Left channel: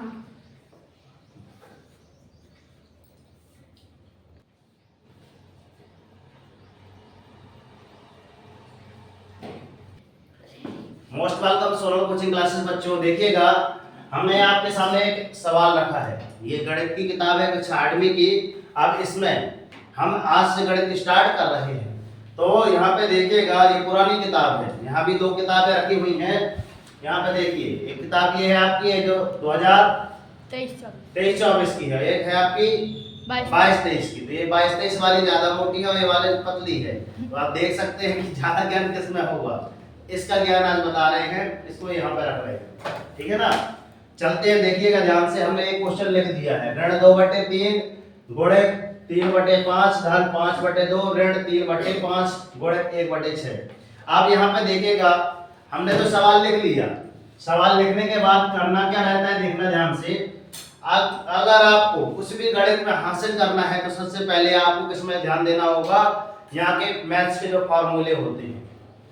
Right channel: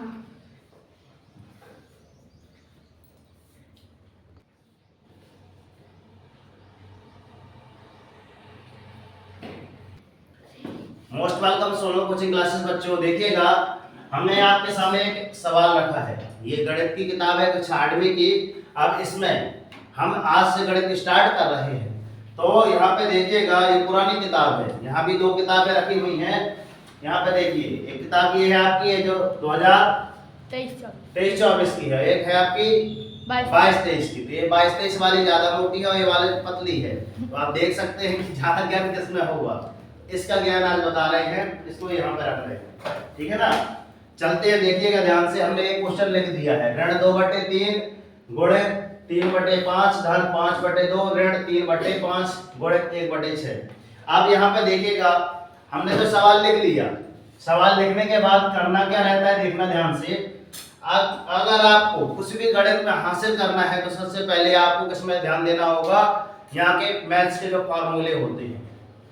Most welcome Sonal coaching classes बच्चों। देखिएगा, हमने आपके सामने एक सवाल रखा है। ये गणित की किताब है कक्षा 8वीं की। अब इसमें हम आज से गणित स्टार्ट कर रहे हैं। तो यहाँ पे देखिएगा, ये पुरानी किताब है। यहाँ भी दो किताबें रखी हुई हैं। यहाँ पे देखिए, एक किताब ये है आपकी है जो 2023-24 की है, एक है आपकी 22-23 की। तो ये 22-23 वाली ज्यादा मोटी है और ये वाली पतली है। तो आप देख सकते हैं कि ज्यादा ज्ञान किसमें होगा। इसका ज्ञान आज बता रहे हैं, इसको यहाँ पे रख रहे हैं, ठीक है ना। चलते हैं, देखिएगा ध्यान से। हमने एक क्वेश्चन लिख दिया है, ऋण 2/3 गुणे 3/5 धन 5/2 ऋण 3/5 गुणे 1/6। अब यहाँ पे देखिएगा, हमने तो सवाल लिख लिया। सवाल लिखने के बाद करना क्या रहता है, देखना ध्यान से। अगर आपको कुछ भी गणित में हासिल करना है तो सबसे पहले आपको किसमें ध्यान देना होगा, यहाँ के मैथ्स के जो फार्मूले होते हैं,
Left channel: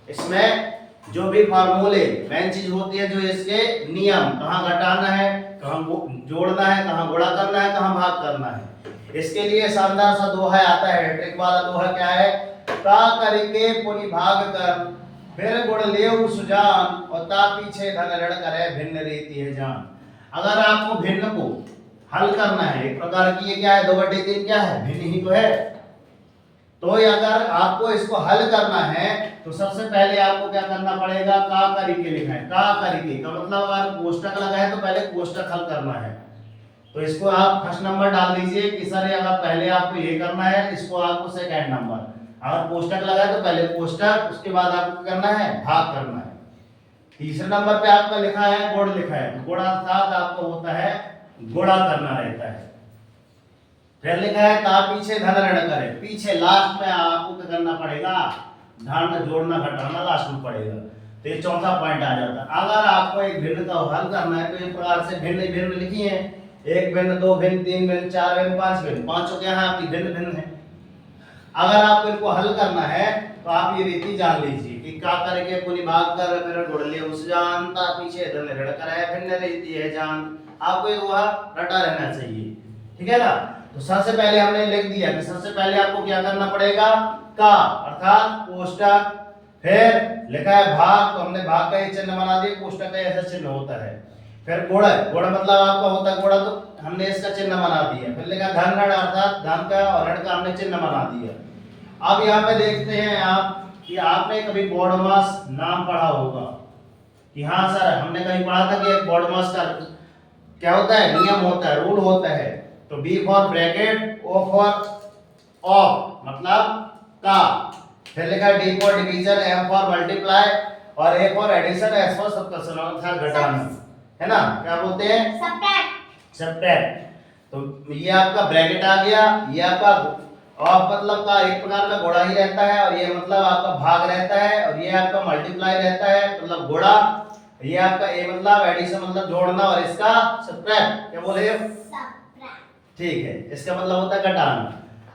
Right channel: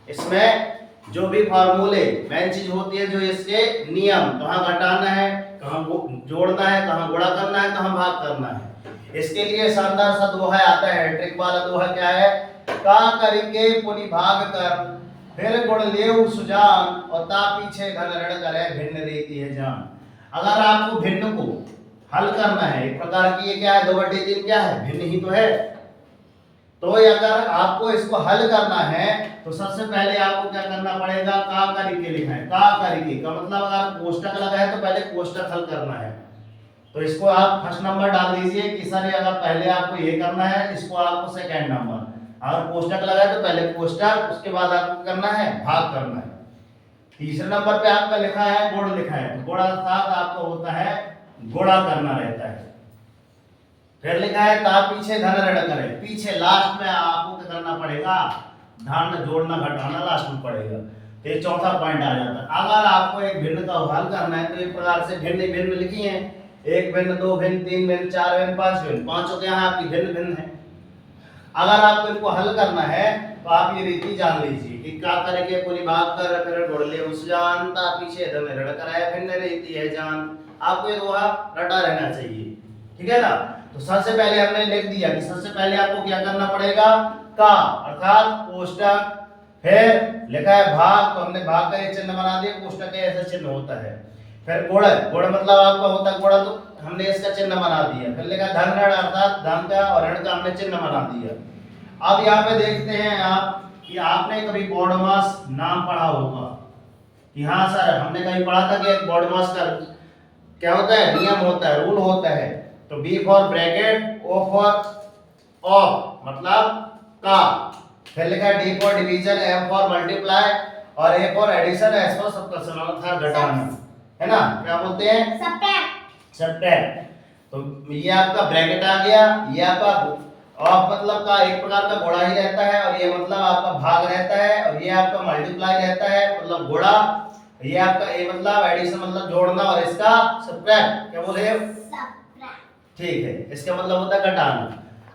इसमें जो भी फार्मूले मेन चीज होती है, जो इसके नियम, कहाँ घटाना है, कहाँ जोड़ना है, कहाँ गुणा करना है, कहाँ भाग करना है। इसके लिए शानदार सा दोहा आता है। ट्रिक वाला दोहा क्या है, का करके पुनि भाग कर फिर गुण लेऊ सुजान और ता पीछे धन ऋण करे भिन्न रीति है जान। अगर आपको भिन्न को हल करना है, एक प्रकार की ये क्या है, 2/3 क्या है, भिन्न ही तो है। तो अगर आपको इसको हल करना है तो सबसे पहले आपको क्या करना पड़ेगा, का करके लिखना है। का करके का मतलब अगर कोष्टक लगा है तो पहले कोष्टक हल करना है। तो इसको आप फर्स्ट नंबर डाल दीजिए कि सर अगर पहले आपको ये करना है, इसको आपको सेकंड नंबर। अगर कोष्टक लगा है तो पहले कोष्टक, उसके बाद आपको करना है भाग करना है। तीसरे नंबर पे आपका लिखा है गुण लिखा है, तो गुणा साथ आपको होता है गुणा करना रहता है। फिर लिखा है ता पीछे धन ऋण करे, पीछे लास्ट में आपको क्या करना पड़ेगा, धन जोड़ना घटाना लास्ट में पड़ेगा। तो ये चौथा पॉइंट आ जाता है। अगर आपको एक भिन्न का हल करना है तो इस प्रकार से भिन्न भिन्न लिखी है, 1 भिन्न 2 भिन्न 3 भिन्न 4 भिन्न 5 भिन्न, पांचों क्या है आपकी भिन्न भिन्न है। अगर आपको इनको हल करना है तो आप ये रीति जान लीजिए कि का करके पूरी भाग कर फिर गुण ले उस जान ता पीछे धन ऋण करे भिन्न रीति है जान। आपको ये दोहा रटा रहना चाहिए, ठीक है ना। तो सबसे पहले हमने लिख दिया कि सबसे पहले आपको क्या करना पड़ेगा, का अर्थात कोष्टक, फिर लिखा है भाग, तो हमने भाग का ये चिन्ह बना दिया, कोष्टक का ऐसा चिन्ह होता है। फिर गुण, गुण मतलब आपका होता है गुणा, तो हमने इसका चिन्ह बना दिया। फिर लिखा धन ऋण अर्थात धन का और ऋण का हमने चिन्ह बना दिया। अब यहाँ पे देखते हैं आप कि आपने कभी बॉडमास नाम पढ़ा होगा कि हाँ सर हमने कभी पढ़ा था कि एक बॉडमास का क्या होता है, नियम होता है, रूल होता है। तो B for bracket, O for of मतलब का, फिर लिखा है D for division, M for multiply और A for addition, S for subtraction अर्थात घटाना, है ना। क्या बोलते हैं, सब्ट्रैक्ट। तो ये आपका ब्रैकेट आ गया, ये आपका ऑफ मतलब का एक प्रकार का गुणा ही रहता है, और ये मतलब आपका भाग रहता है, और ये आपका मल्टीप्लाई रहता है मतलब गुणा, ये आपका ए मतलब एडिशन मतलब जोड़ना, और इसका सब्ट्रैक्ट क्या बोले, ठीक है, इसका मतलब होता है घटाना।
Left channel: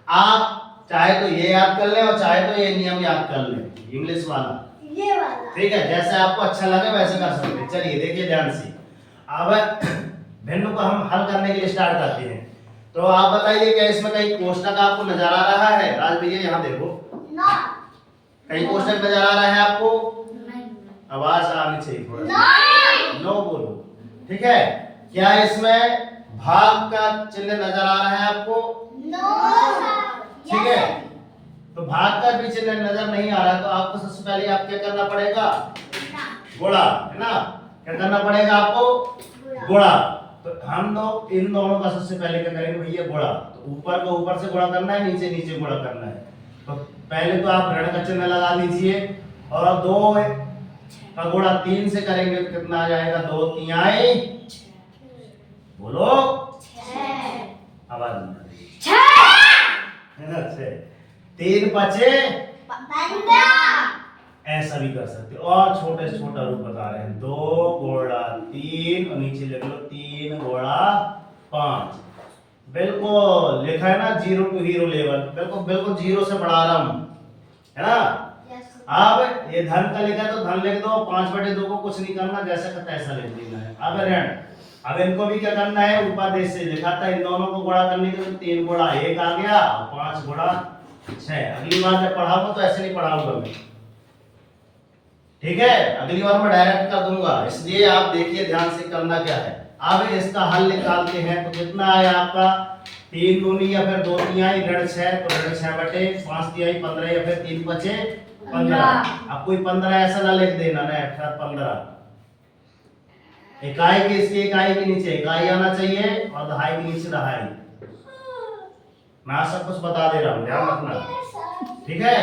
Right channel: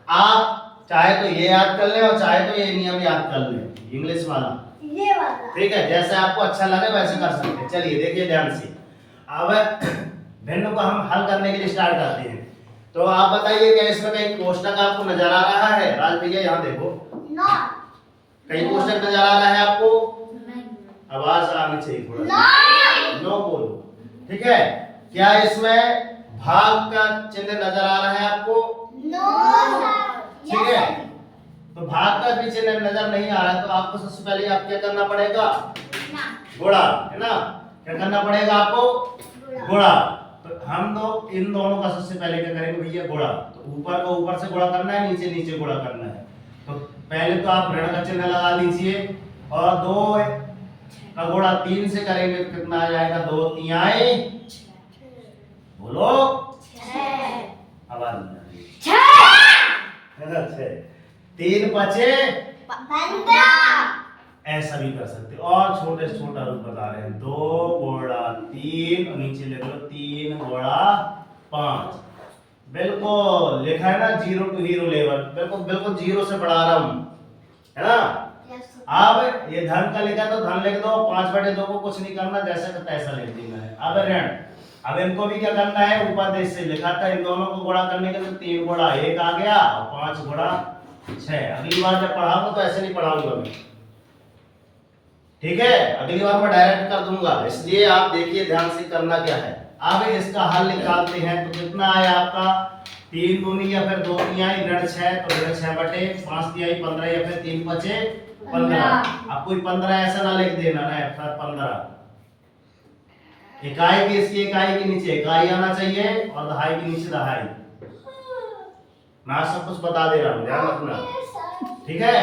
आप चाहे तो ये याद कर ले और चाहे तो ये नियम याद कर ले, इंग्लिश वाला, ये वाला, ठीक है, जैसे आपको अच्छा लगे वैसे कर सकते हैं। चलिए देखिए ध्यान से। अब भिन्न को हम हल करने के लिए स्टार्ट करते हैं। तो आप बताइए क्या इसमें कहीं कोष्टक आपको नजर आ रहा है, राज भैया यहाँ देखो, कहीं कोष्टक नजर आ रहा है आपको, आवाज आनी चाहिए थोड़ा, नो बोलो, ठीक है। क्या इसमें भाग का चिन्ह नजर आ रहा है आपको, ठीक है। तो भाग का भी चिन्ह नजर नहीं आ रहा है, तो आपको सबसे पहले आप क्या करना पड़ेगा, गुणा, है ना। क्या करना पड़ेगा आपको, गुणा। तो हम तो इन दोनों का सबसे पहले क्या करेंगे भैया, गुणा। तो ऊपर को ऊपर से गुणा करना है, नीचे नीचे गुणा करना है। तो पहले तो आप ऋण का चिन्ह लगा दीजिए, और 2 का गुणा 3 से करेंगे तो कितना आ जाएगा, 2 तिहाई, बोलो, आवाज नहीं, 3 पचे, ऐसा भी कर सकते। और छोटे से छोटा रूप बता रहे हैं, 2 गुणा 3 और नीचे लिख लो 3 गुणा 5। बिल्कुल लिखा है ना, 0 टू हीरो लेवल, बिल्कुल बिल्कुल 0 से बढ़ा रहा हूं, है ना। अब ये धन का लिखा तो धन लिख दो, 5/2 को कुछ नहीं करना, जैसा का तैसा लिख देना है। अब ऋण, अब इनको भी क्या करना है, ऊपर देश से लिखा था, इन दोनों को गुणा करने के लिए 3 गुणा 1 आ गया और 5 गुणा 6। अगली बार जब पढ़ाऊंगा तो ऐसे नहीं पढ़ाऊंगा मैं, ठीक है, अगली बार मैं डायरेक्ट कर दूंगा, इसलिए आप देखिए ध्यान से करना क्या है। अब इसका हल निकालते हैं तो कितना आया आपका, 3 दूनी या फिर 2 तिहाई ऋण 6, तो ऋण 6 बटे 5 तिहाई 15 या फिर 3 बचे 15। अब कोई 15 ऐसा ना लिख देना ना, फिर 15 इकाई के इसकी इकाई के नीचे इकाई आना चाहिए और दहाई के नीचे दहाई। मैं सब कुछ बता दे रहा हूँ, ध्यान रखना, ठीक है।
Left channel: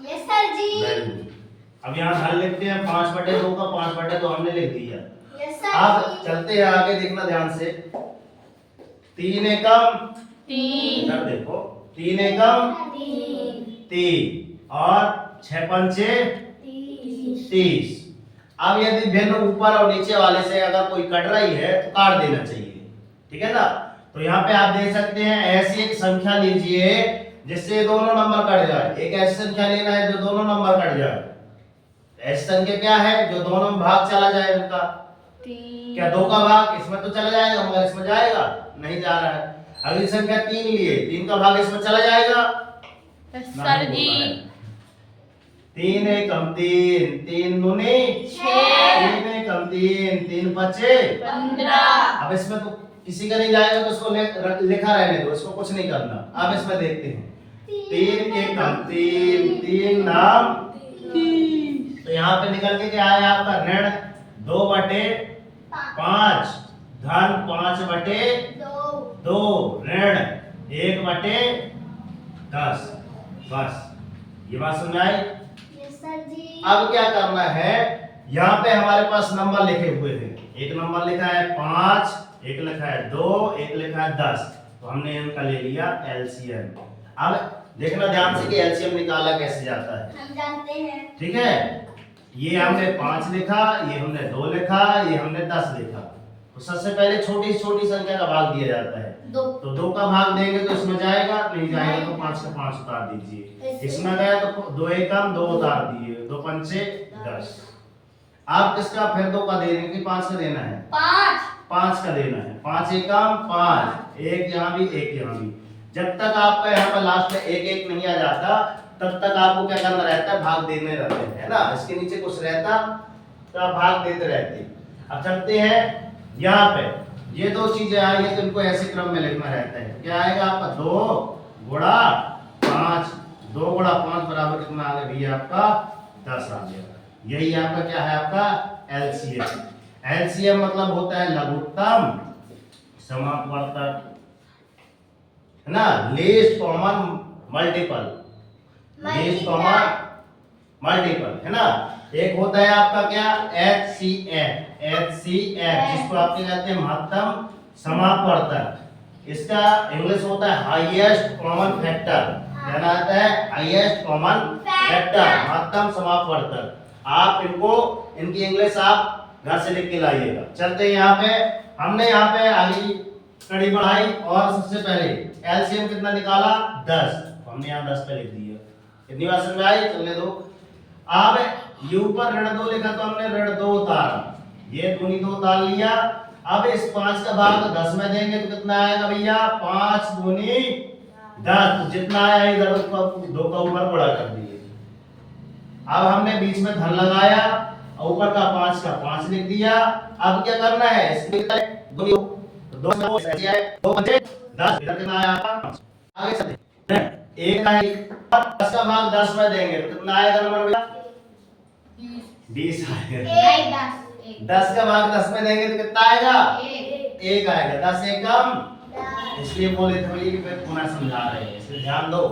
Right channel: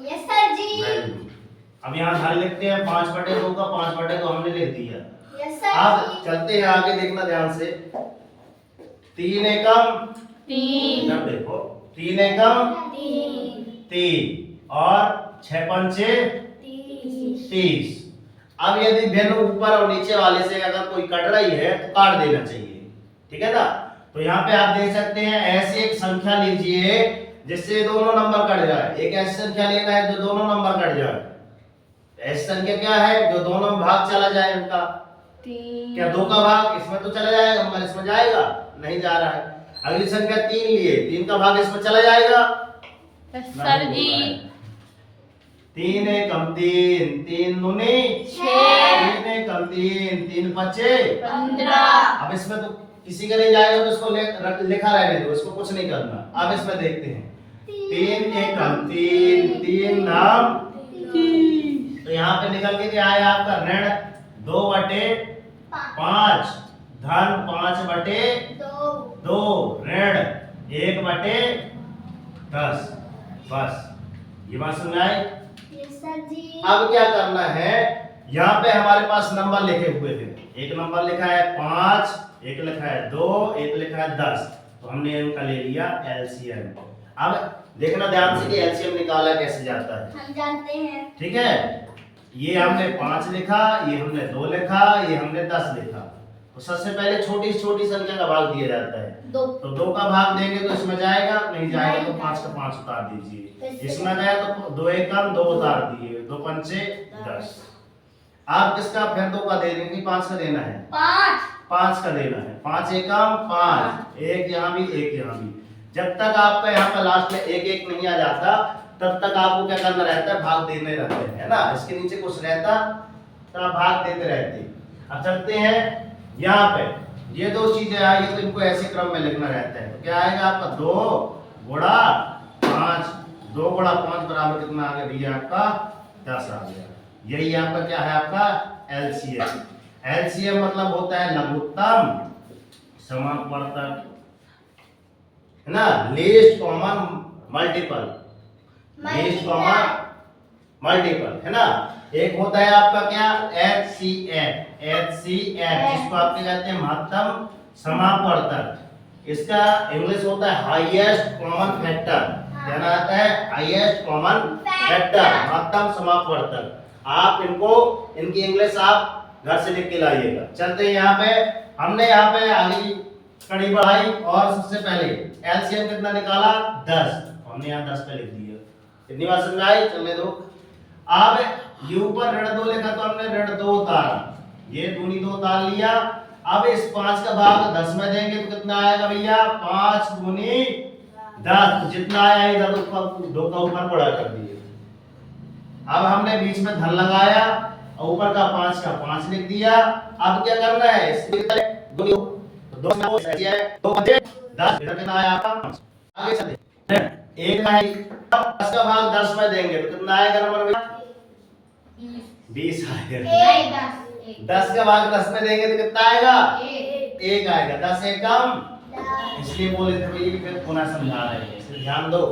यस सर जी। अब यहाँ हल लिखते हैं, 5 बटे 2 का 5 बटे 2 हमने लिख दिया। Yes sir. अब चलते हैं आगे, देखना ध्यान से। 3 एकम 3, इधर देखो, 3 एकम 3 और 6 पंचे 30। अब यदि भिन्न ऊपर और नीचे वाले से अगर कोई कट रही है तो काट देना चाहिए, ठीक है ना। तो यहाँ पे आप देख सकते हैं, ऐसी एक संख्या लीजिए जिससे दोनों नंबर कट जाए। एक ऐसी संख्या लेना है जो दोनों नंबर कट जाए। ऐसी संख्या क्या है, जो दोनों में भाग चला जाए उनका। क्या 2 का भाग इसमें तो चला जाएगा मगर इसमें जाएगा नहीं, जा रहा है। अगली संख्या 3 लिए, 3 का भाग इसमें चला जाएगा सर जी। 3 एकम 3, 3 दूनी 6, 3 एकम 3, 3 बचे 15। अब इसमें तो किसी का नहीं जाएगा तो इसको लिखा रहने दो, इसको कुछ नहीं करना। अब इसमें देखते हैं, 3 एकम 3, 3 नाम, तो यहाँ पे निकल के क्या आया आपका, ऋण 2 बटे 5, धन 5 बटे 2, ऋण 1 बटे 10। बस ये बात समझ आई। अब क्या करना है, यहाँ पे हमारे पास नंबर लिखे हुए हैं, एक नंबर लिखा है 5, एक लिखा है 2, एक लिखा है 10, तो हमने इनका ले लिया एलसीएम। अब देखना ध्यान से कि एलसीएम निकाला कैसे जाता है, हम जानते हैं, ठीक है। ये हमने 5 लिखा, ये हमने 2 लिखा, ये हमने 10 लिखा। तो सबसे पहले छोटी छोटी संख्या का भाग दिया जाता है, तो 2 का भाग देंगे तो इसमें जाएगा, नहीं जाएगा तो 5 का 5 उतार दीजिए। इसमें गया तो 2 एकम 2 उतार दिए, 2 पंचे 10। आप किसका फिर 2 का देंगे कि 5 का देना है, 5 का देना है। 5 एकम 5, एक यहाँ भी एक यहाँ भी। जब तक आपका यहाँ पे लास्ट में एक एक नहीं आ जाता तब तक आपको क्या करना रहता है, भाग देने रहते हैं, है ना। इसके नीचे कुछ रहता तो आप भाग देते रहते। अब चलते हैं यहाँ पे, ये 2 चीजें आई है तो इनको ऐसे क्रम में लिखना रहता है। तो क्या आएगा आपका 2 गुणा 5, 2 गुणा 5 बराबर कितना आ गया भैया आपका 10 आ गया। यही आपका क्या है, आपका एलसीएम। एलसीएम मतलब होता है लघुत्तम समापवर्तक, है ना, least common multiple, least common multiple, है ना। एक होता है आपका क्या, एचसीएफ, जिसको आप क्या कहते हैं, महत्तम समापवर्तक। इसका इंग्लिश होता है हाईएस्ट कॉमन फैक्टर, क्या नाम आता है, हाईएस्ट कॉमन फैक्टर, महत्तम समापवर्तक। आप इनको, इनकी इंग्लिश आप घर से लिख के लाइएगा। चलते हैं यहाँ पे, हमने यहाँ पे आगे कड़ी बढ़ाई और सबसे पहले एलसीएम कितना निकाला 10, हमने यहाँ 10 पे लिख दिया। कितनी बार समझ आई, चलने दो। अब ये ऊपर ऋण 2 लिखा तो हमने ऋण 2 उतारा, ये दूनी 2 उतार लिया। अब इस 5 का भाग 10 में देंगे तो कितना आएगा भैया, 5 दूनी 10, जितना आया इधर 2 का ऊपर गुणा कर दिए। अब हमने बीच में धन लगाया और ऊपर का 5 का 5 लिख दिया। अब क्या करना है, इसमें 2 10 इधर कितना आया आपका, आगे चलते 1 है, 10 का भाग 10 में देंगे तो कितना आएगा नंबर भैया, 20 आएगा। 10 का भाग 10 में देंगे तो कितना आएगा, 1 आएगा। 10 एकम, इसलिए बोले थे भैया कि फिर पुनः समझा रहे हैं, इसलिए ध्यान दो।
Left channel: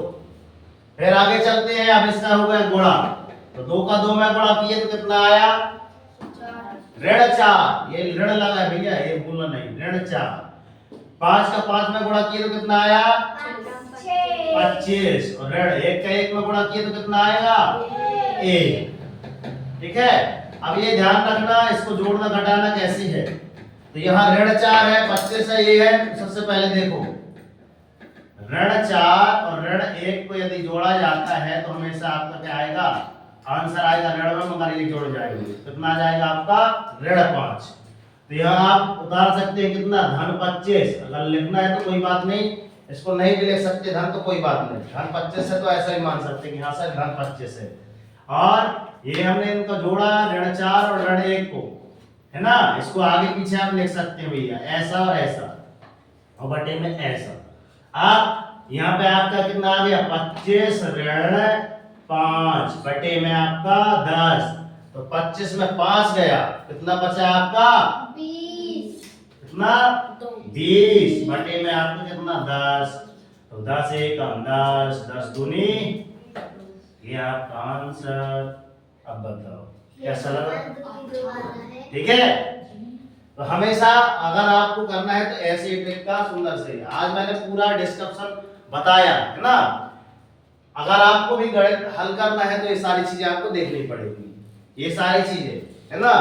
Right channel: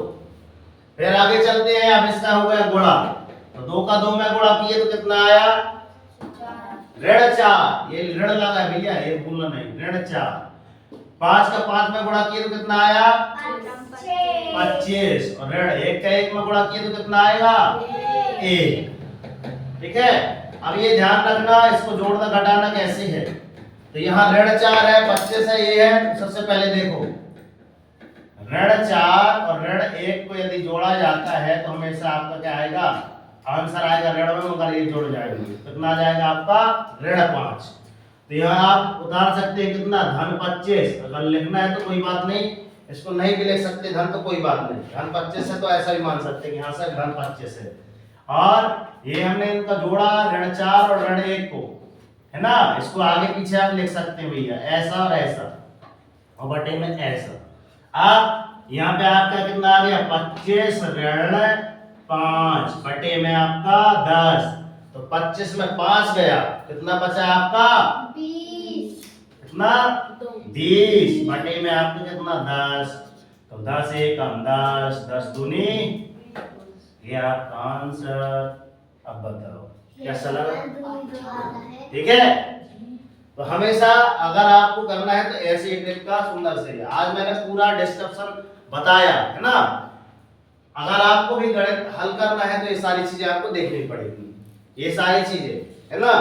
फिर आगे चलते हैं। अब इसका हो गया गुणा, तो 2 का 2 में गुणा किए तो कितना आया, ऋण 4, ये ऋण लगा है भैया, ये भूलना नहीं, ऋण 4। 5 का 5 में गुणा किए तो कितना आया, 25, और ऋण 1 का 1 में गुणा किए तो कितना आएगा, 1, ठीक है। अब ये ध्यान रखना, इसको जोड़ना घटाना कैसे है, तो यहाँ ऋण 4 है, 25 है, ये है। सबसे पहले देखो, ऋण 4 और ऋण 1 को यदि जोड़ा जाता है तो हमेशा आपका क्या आएगा, आंसर आएगा ऋण में, मगर ये जोड़ जाएंगे, कितना आ जाएगा आपका, ऋण 5। तो यहाँ आप उतार सकते हैं कितना, धन 25। अगर लिखना है तो कोई बात नहीं, इसको नहीं भी लिख सकते धन तो कोई बात नहीं, धन 25 है तो ऐसा ही मान सकते हैं कि यहाँ से धन 25 है। और ये हमने इनका जोड़ा ऋण 4 और ऋण 1 को, है ना, इसको आगे पीछे आप लिख सकते हैं भैया, ऐसा और ऐसा और बटे में ऐसा। अब यहाँ पे आपका कितना आ गया, 25 ऋण 5 बटे में आपका 10, तो 25 में 5 गया, कितना बचा आपका 20 कितना 20 बटे में आपका कितना 10, तो 10 एक 10, 10 दूनी, ये आपका आंसर। अब बताओ कैसा लगा, ठीक है। तो हमेशा अगर आपको करना है तो ऐसे एक ट्रिक का सुंदर से, आज मैंने पूरा डिस्क्रिप्शन बताया है ना। अगर आपको भी गणित हल करना है तो ये सारी चीजें आपको देखनी पड़ेगी, ये सारी चीजें, है ना।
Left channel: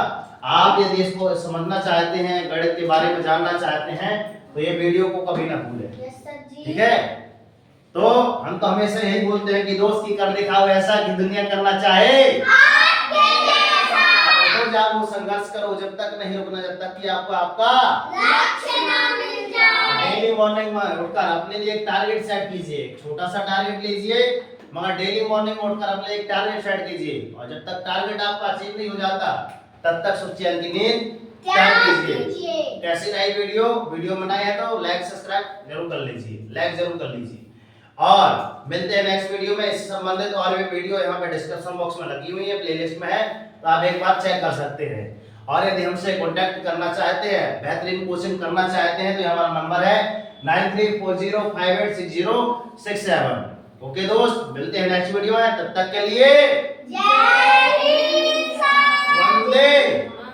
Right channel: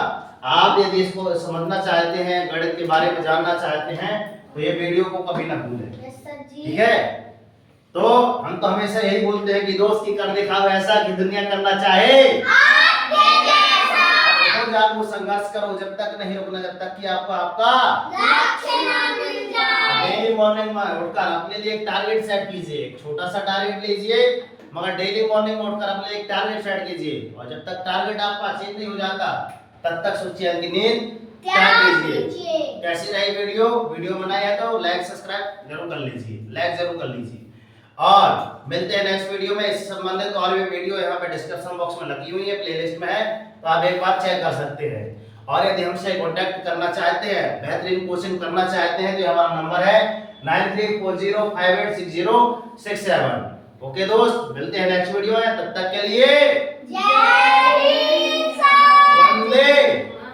आप यदि इसको समझना चाहते हैं, गणित के बारे में जानना चाहते हैं, तो ये वीडियो को कभी ना भूलें, ठीक है। तो हम तो हमेशा यही बोलते हैं कि दोस्त की कर दिखाओ ऐसा कि दुनिया करना चाहे जागो, संघर्ष करो, जब तक नहीं रुकना, जब तक कि आपको आपका लक्ष्य ना मिल जाए। डेली मॉर्निंग में उठकर अपने लिए एक टारगेट सेट कीजिए, एक छोटा सा टारगेट लीजिए, मगर डेली मॉर्निंग में उठकर अपने लिए एक टारगेट सेट कीजिए, और जब तक टारगेट आपका अचीव नहीं हो जाता तब तक सोचिए कि नींद त्याग कीजिए। कैसी रही वीडियो बनाई है तो लाइक सब्सक्राइब जरूर कर लीजिए, लाइक जरूर कर लीजिए, और मिलते हैं नेक्स्ट वीडियो में। इससे संबंधित और भी वीडियो यहाँ पे डिस्क्रिप्शन बॉक्स में लगी हुई है, प्लेलिस्ट में है, तो आप एक बार चेक कर सकते हैं। और यदि हमसे कांटेक्ट करना चाहते हैं, बेहतरीन कोचिंग करना चाहते हैं, तो हमारा नंबर है 9340586067। ओके दोस्त, मिलते हैं नेक्स्ट वीडियो में, तब तक के लिए जय हिंद सर। वंदे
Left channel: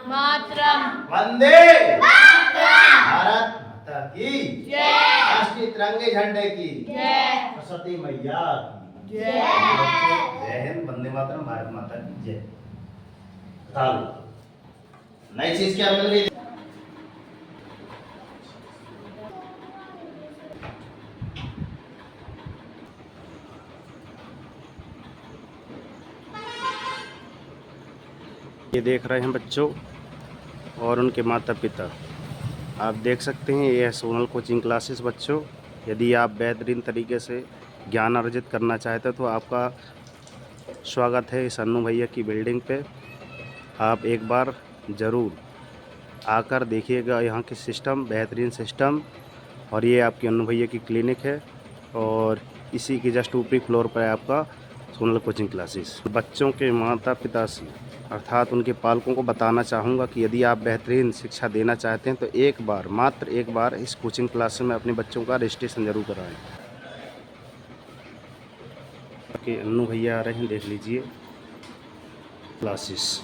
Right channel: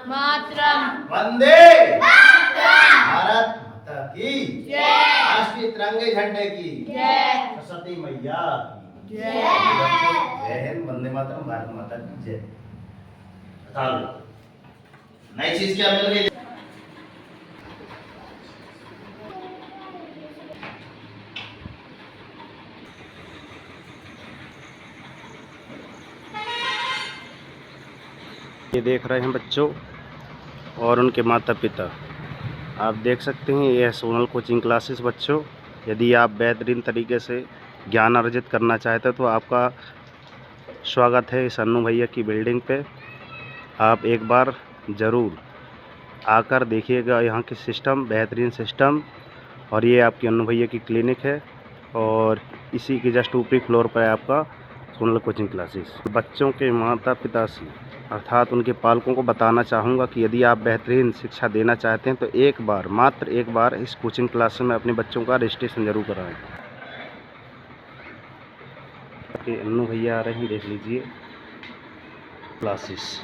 मातरम। वंदे मातरम। भारत माता की जय। राष्ट्रीय तिरंगे झंडे की जय। सरस्वती मैया की जय। जय हिंद, वंदे मातरम, भारत माता की जय। बताओ नई चीज क्या मिल गई। ये देख रहे हैं बच्चों और उनके माता पिता, आप देख सकते हैं यह सोनल कोचिंग क्लासेस। बच्चों, यदि आप बेहतरीन तरीके से ज्ञान अर्जित करना चाहते हैं तो आपका स्वागत है इस अन्नू भैया की बिल्डिंग पे। आप एक बार ज़रूर आकर देखिएगा यहाँ की सिस्टम, बेहतरीन सिस्टम। और ये आपकी अन्नू भैया की क्लिनिक है, और इसी के जस्ट ऊपरी फ्लोर पर है आपका सोनल कोचिंग क्लासेस। बच्चों के माता पिता से अर्थात उनके पालकों को बताना चाहूँगा कि यदि आप बेहतरीन शिक्षा देना चाहते हैं तो एक बार, मात्र एक बार इस कोचिंग क्लास में अपने बच्चों का रजिस्ट्रेशन जरूर कराएं। कि अन्नू भैया आ रहे हैं, देख लीजिए क्लासेस।